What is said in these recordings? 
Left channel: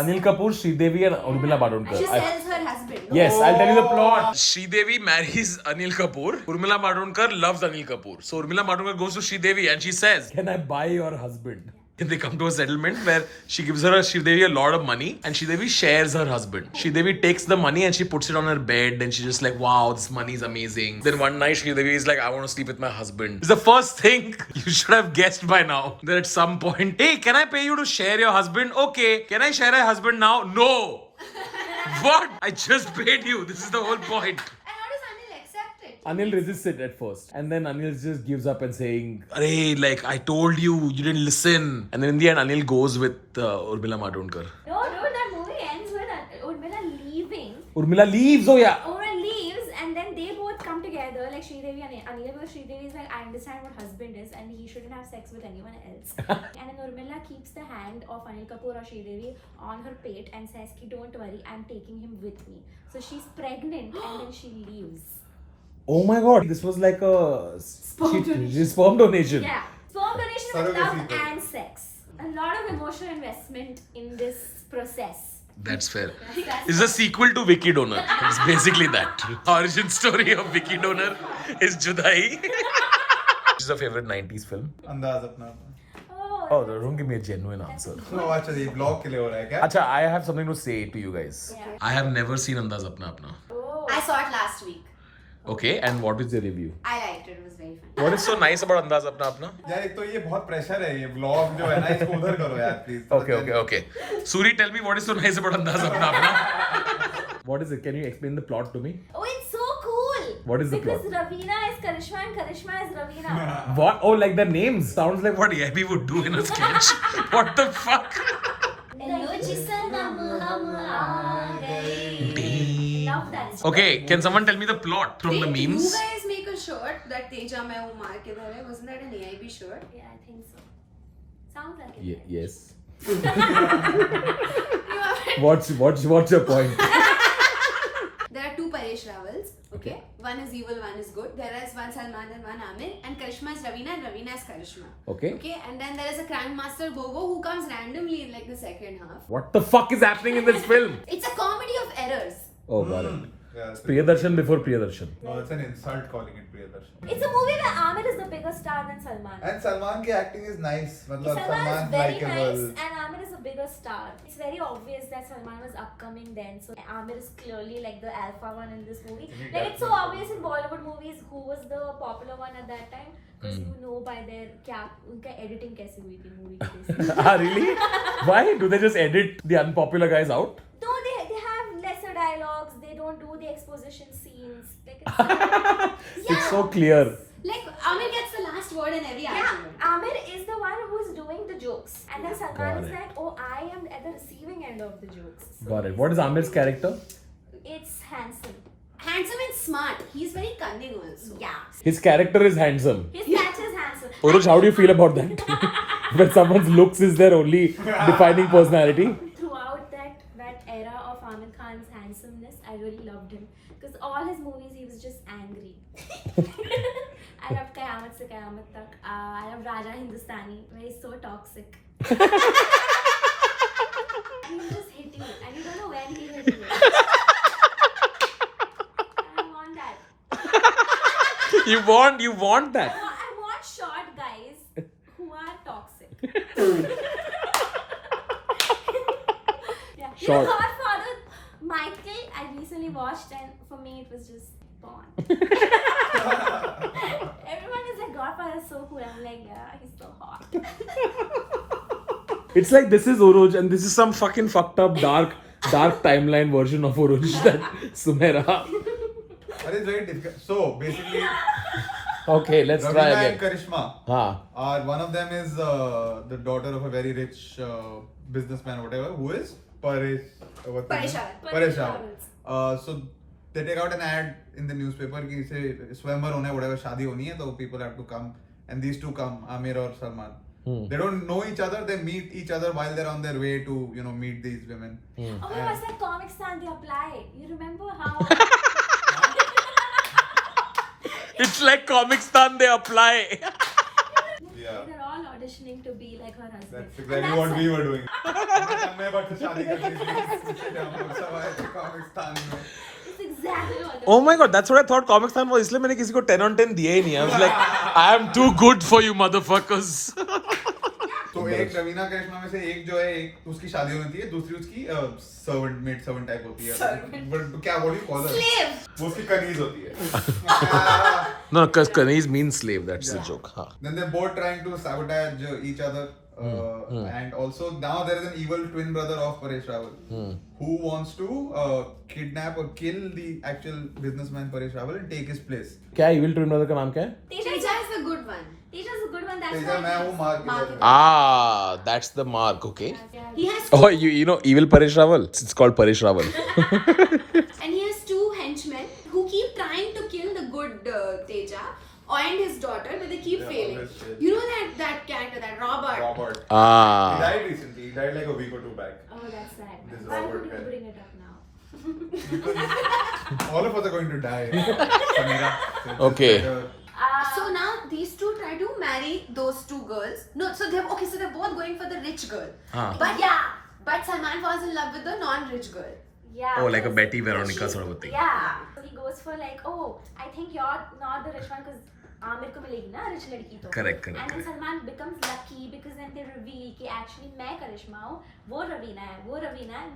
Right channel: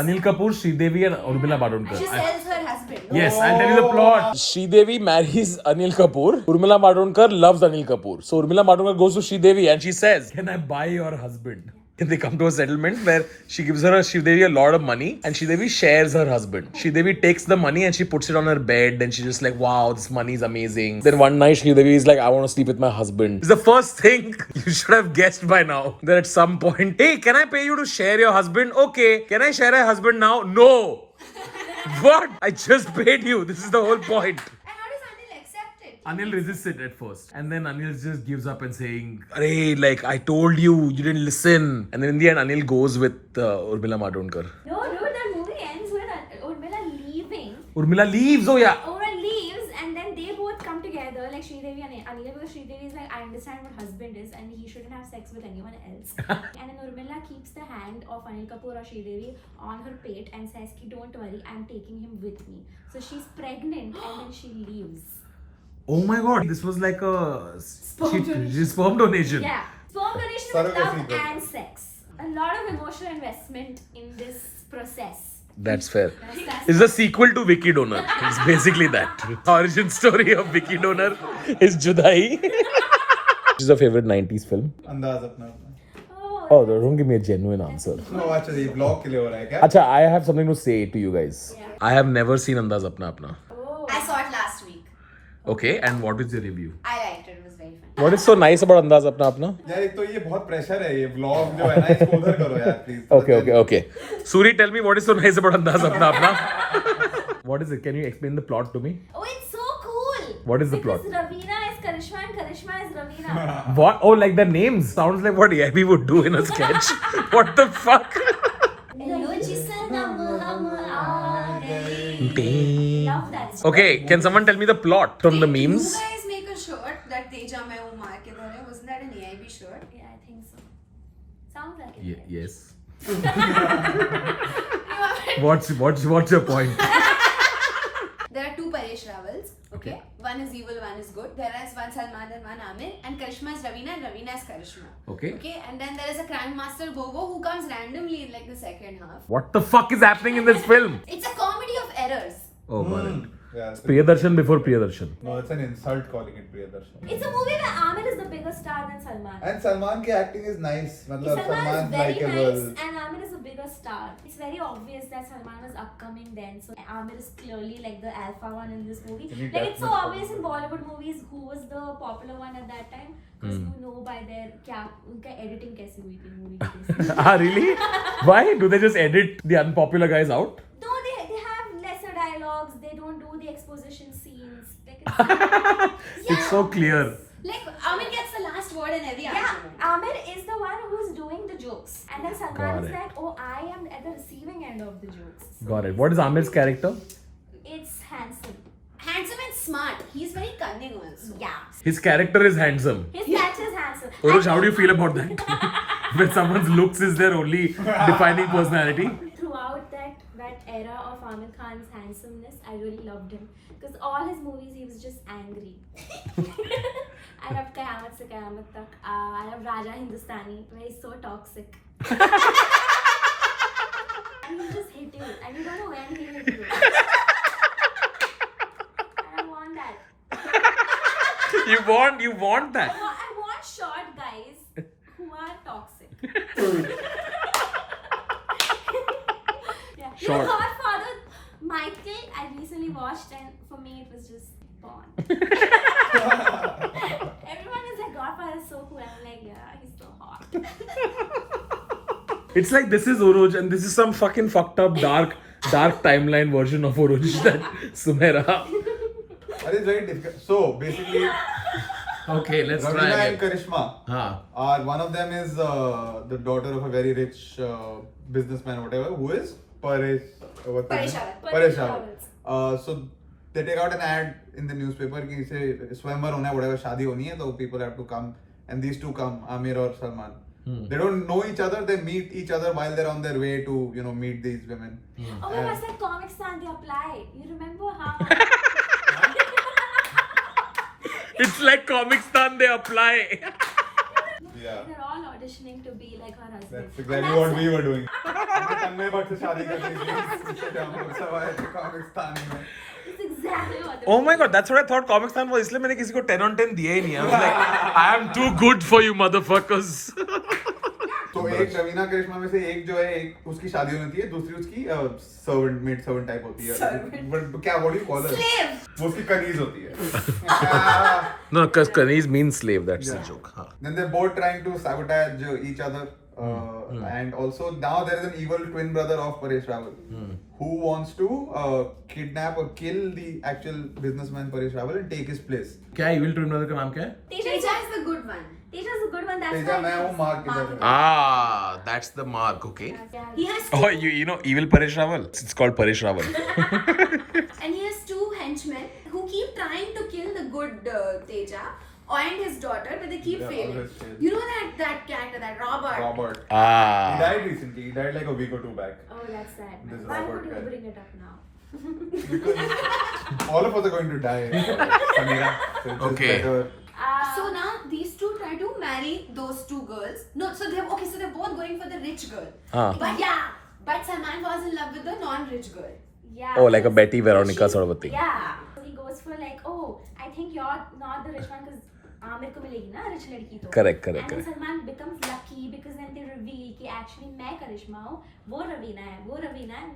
Anil Kapoor, Sridevi and Urmila Matondkar. She sells her husband. Yes, I'll tell you the plot. Sridevi marries Anil Kapoor. Urmila Matondkar loves Anil Kapoor. So Urmila Matondkar goes to Sridevi and she says, "Can I buy your husband?" And they come to a settlement where she gives Sridevi a lot of money and Sridevi shares her husband. Sridevi takes the money and she puts it on her bed and she's just like, wow, this money is amazing. Then one night Sridevi is like, I want to sleep with my husband. It's the first thing you should have guessed by now. That at some point, hey, can I pay you to share your husband? Okay. Can I share a husband now? No. What? I just paid you. This is the whole point. And how does Anil accept it? Anil resists it at first. And then Anil just gives up and saying, Arey, like, I told you, you didn't listen. And then in the end, Anil goes with Urmila Matondkar. No, dude, that movie ends with Urmila leaving. Urmila leaves, oh yeah. Urmila leaves and then they both come together, like Sridevi and Anil, because Sridevi is like, I understand what husband is and he shouldn't have sex with anyone else. And then Urmila keeps the hand of Anil Kapoor or Sridevi on her pate and says, Ki, don't worry, I'm taking him with me. So she's pregnant and then she leaves. Oh my god, this was like a Sperm donation. sperm donation. Yeah. Sperm donation with Surrogacy love thing. and sex. A lot of emotional investment in this process. That's fair. That's It's a sequel to Vicky Donor. It's basically that. Origin story of Vicky Donor is Judai. This is a favorite 90s film. अंदाज अपना अपना. Oh, don't give me a genuine answer. Oh, अच्छा ये blog के लिए हो रहा है क्या? Acha, I have something to say to you guys. Yeah. I have never seen Andaz Apna Apna. Oh. I saw it last week. Okay, and what is your review? I liked it. It was very fun. What is so nice about Andaz Apna Apna? यार एक तो ये बहुत pressure है ये blog जो है ना इसको उधर करो यार please. Okay. Suri, tell me what is so nice about Andaz Apna Apna? What is it? Can you explain the plot to me? Oh, it's so cool. What is the because plot? Ravina is Karishma and Karishma is Ravina. What? Oh, like the names. Sounds like what Abby would do in a sketch. What the fuck? Damn. Love that song. Okay, can someone tell me the plot from the memes? You guys make a shirt that Teja Main Hu Maar Kidhar Hai. Wasn't that an AIB shirt? Yeah, I think so. Sounds like it. Yes. You What's your point? There are two Paresh Ravals. Okay. One is evil, one is good. There is one Salman and one Amir. And Karishma is Ravina and Ravina is Karishma. Okay. Okay. And then there is a Grandmaster Gogo who comes randomly in like the second half. What the fuck is happening in this film? It's a comedy of errors. Oh, got it. Yeah, Priyadarshan before Priyadarshan. no, it's an insult calling it Priyadarshan. It's a movie where Amir is the bigger star than Salman. And Salman की acting is nice. मतलब Salman Salman is very likable. nice and Amir is a bigger star. It's very obvious that Salman was upcoming then. So Amir is clearly like the alpha one in this movie. Can you Like get it's so me- obvious in Bollywood movies who was the popular one at that time. Because you know by their उनका editing कैसी हुई थी movie की basis. Ah, really? Why? Do they just edit the unpopular guys out? No, they have lesser dialogues. They don't do the exposition scenes. Like it's It's so clear. Like Amir gets the last word in every yeah, argument. Amir is the one who's doing the jokes, and then Salman Got is it. like, oh, I am at the receiving end of the jokes. So Got it. What is Amir's character? It's handsome. Handsome and smart. He's very cunning also. Yeah. His character is handsome. His catch is handsome. Oruj, how do you feel about that? When someone's looks is their only defining personality? Throughout that era of Amir Khan's handsomeness, I really loved him because all his movies he was just angry. I loved Qayamat Se Qayamat Tak. I love Raja Hindustani, where he's so toxic. And he'll just hit you, and you don't know when he'll hit you. And I want that. You want that? I want short guys who are toxic. Yeah. You know, Short. Godfather, Michael, I recently watched, and for me it was just Bond. Everyone is like, Godfather is so cool. I'm like, yeah, he's so hot. It's like this is Oruj and this is some fucking fucked up dark timeline version of Oruj that Sumera. That is very difficult. So basically, Okay, let's try Ravina and again. Karishma Ah, are one of them is the daughter of a very rich businessman, whatever, who is Paresh. What's his name? Paresh Paresh Rawal. So they take out an ad in the newspaper कि इसे स्वयंवर होना है, whatever, शादी होनी है, तो people have to come, and these two come, Amir or Salman. They don't know each other. They meet each other while they're on their way to meet these women. Oh my god, it's like Comic Stand, they apply. You remember how? it's like Comic Stan they apply. Yeah. They're all auditioning. auditioning to be like her husband. That's And exactly what that's- we were doing. हमने तन्मय भट्ट से शादी कर ली थी इसलिए हम सब आए थे पाकिस्तान में. It's exactly what. Oh my god, that's what I thought Comic Con was. इसलिए मैंने किसी को 10 on 10 दिया ही नहीं. I was like, I am too good for you motherfuckers. तो एक रवीना करिश्मा में से एक जो है एक उसकी शादी होनी थी दूसरी उसकी सर्वेंट मेड सर्वेंट टाइप होती है बट क्या बोली कॉल Slave. वो उसकी कनीज होती है. No, because Kaneez means slave. That's the joke. हाँ. Then they're both trying to sabotage each other. And also now there is an evil twin brother of Paresh Rawal who wants to kidnap or kill the actual businessman Paresh Rawal and take his place. क्या evil twin brother का नाम क्या है? Teja Teja is the good one. Teja's a good one. That's Teja why. मैं वो मार के Mark. जाता Ah, that's the mark. Okay. He has two, Oh, you know evil Paresh Rawal? It's called Paresh Rawal. and he has two henchmen who keep trying to kill the good Teja and his daughter, but they keep Yeah, failing. always fail. You know that character, that Robert. Robert. He Ah. died recently. He died like a week or two back. Oh, that's sad. This is Why Robert would you guy. bring it up now? All of us are going to die. Samira. So it's Okay. just better. So now these two try to marry those two girls. No, so they're both going for the rich girl. Ah. But but Salman falls in love with the non-rich girl. Yeah. Oh, like a Betty Veronica sort of a thing. Yeah. So he goes for like, oh, I think you're not the rich one because Aamir को मिलेगी ना rich लड़की तो. Correct, correct, And then correct. Salman becomes lucky because then they reveal कि actually मैं करिश्मा हूँ, वो रवीना है,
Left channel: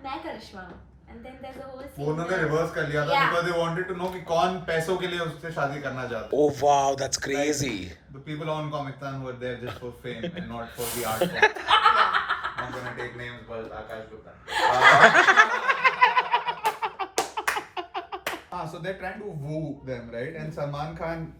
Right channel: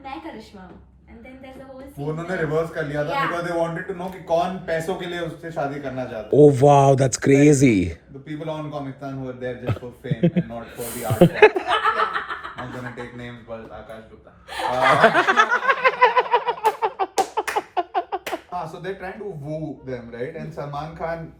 मैं करिश्मा हूँ. And then there's a whole scene. वो उन्होंने where- रिवर्स कर लिया था Yeah. because they wanted to know कि कौन पैसों के लिए उससे शादी करना चाहता है. Oh wow, that's crazy. The people on Comic Con who are there just for fame and not for the art form. I'm gonna take names, but Akash Gupta. So they're trying to woo them, right? And Salman Khan,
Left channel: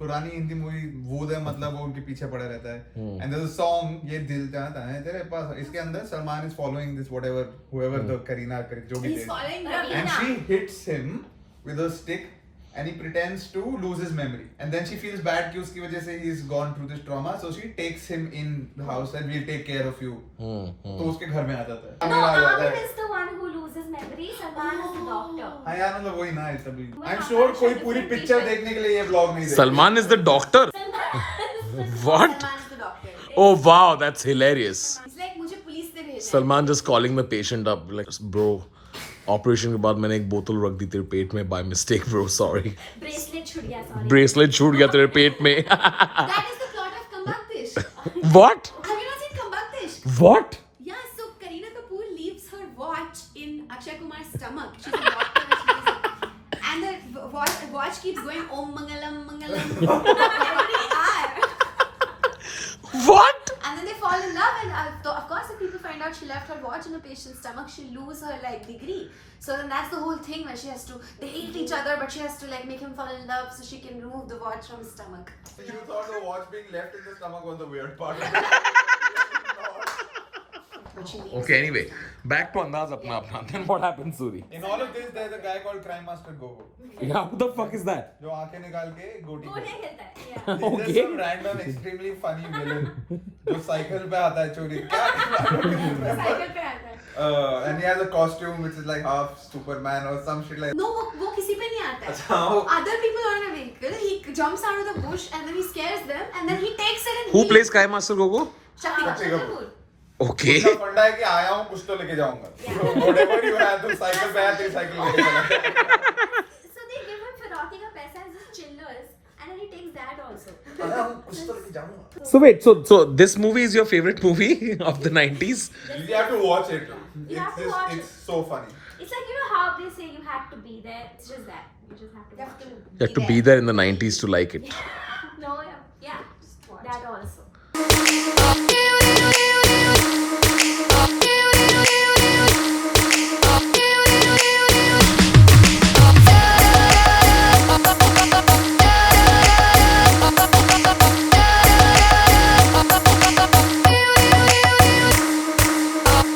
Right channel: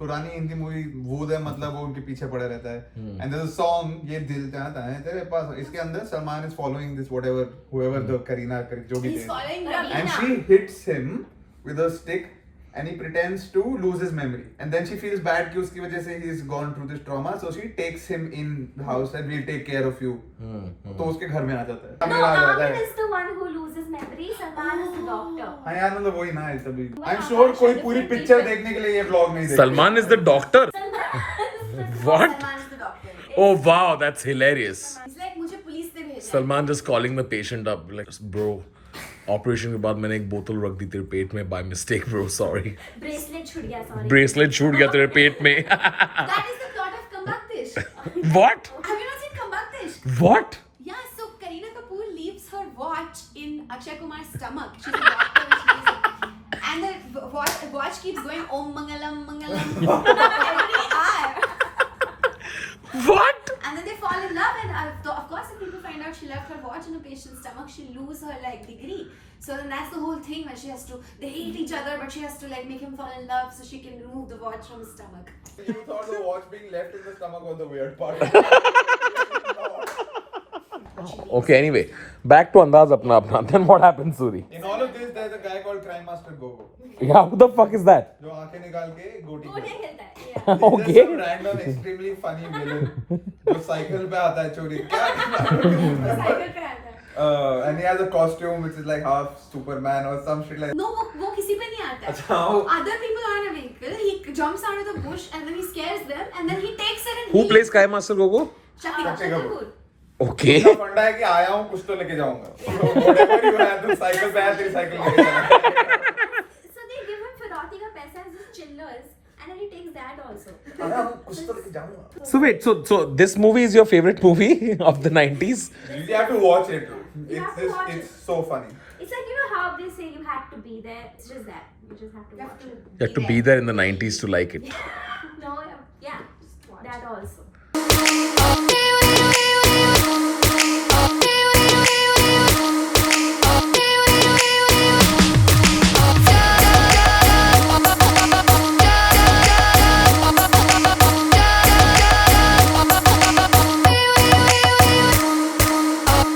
पुरानी Hindi movie woo them मतलब वो उनके पीछे पड़ा रहता है. And there's a song ये दिल चाहता है तेरे पास. इसके अंदर Salman is following this whoever the Kareena जो भी He's थे. following Ravina. And Ravina. she hits him with a stick and he pretends to lose his memory. And then she feels bad कि उसकी वजह से he's gone through this trauma. So she takes him in the house and we'll take care of you. तो उसके घर में आ जाता है. No, मेरा आ जाता Amir है. is the one who loses memory. Salman is the doctor. हाँ यार मतलब वही ना है तभी. But I'm Akash sure is कोई different पूरी people. पिक्चर देखने के लिए ये vlog नहीं देखता. Salman is the doctor. What? Salman is the doctor. Oh wow, that's hilarious. He's like मुझे पुलिस ने भेजा है. Salman just calling the patient up like, bro, operation के बाद मैंने एक बोतल रख दी तेरे पेट में by mistake bro sorry. Bracelet छूट गया, sorry. ब्रेसलेट छूट गया तेरे पेट में. That is the plot of Kambaktish. What? Have you not seen Kambaktish? What? Yeah, so Kareena Kapoor leaves her watch in Akshay Kumar's stomach. She's a doctor and she leaves it. And the watch keeps going Om Mangalam Mangalam every hour. What? And then they fall in love, and of course, if people find out she left her watch in the patient's stomach, she'll lose her like degree. So then that's the whole thing where she has to. They hate each other, but she has to like make him fall in love so she can remove the watch from his stomach. You thought the watch being left in the stomach was the weird part. Okay, anyway, back to Andaz Apna Apna. Then what happened, Suri? In all of this, there's a guy called Crime Master Gogo. Yeah, who the fuck is that? जो आंखें निकाल के गोटी गोटे करता है. खेलता है, yeah. He's Okay. just some random, extremely funny villain जो साइकिल पे आता है चोरी. क्या? Cycle पे आता है. And he has a costume which is like half Superman or some shit like. No, वो किसी पे नहीं आता है. अच्छा, वो- Other people are in a vehicle. He jumps out of the bush and then he scares them and then he takes it and Who he. plays Kai Master Gogo? Shakti Akshay Kapoor. Kapoor. Okay. उसका फंडा है कि आया हूँ कुछ तो लेके जाऊंगा. So whatever you have, तुम साइकिल पे आया तेरी साइकिल लेके चला. So they give him Firauti ka paisa as just chillers, and then he takes that also. आया हूँ कुछ तो लेके जाऊंगा. So wait, so this movie is your favorite movie of the 90s? You have to watch it. You have to watch it. It's so funny. It's like, you know how they say you have to be there. It's just that. You just have to You have watch to it. You have to be there in the 90s to like it. No, yeah, Just watch that it. also.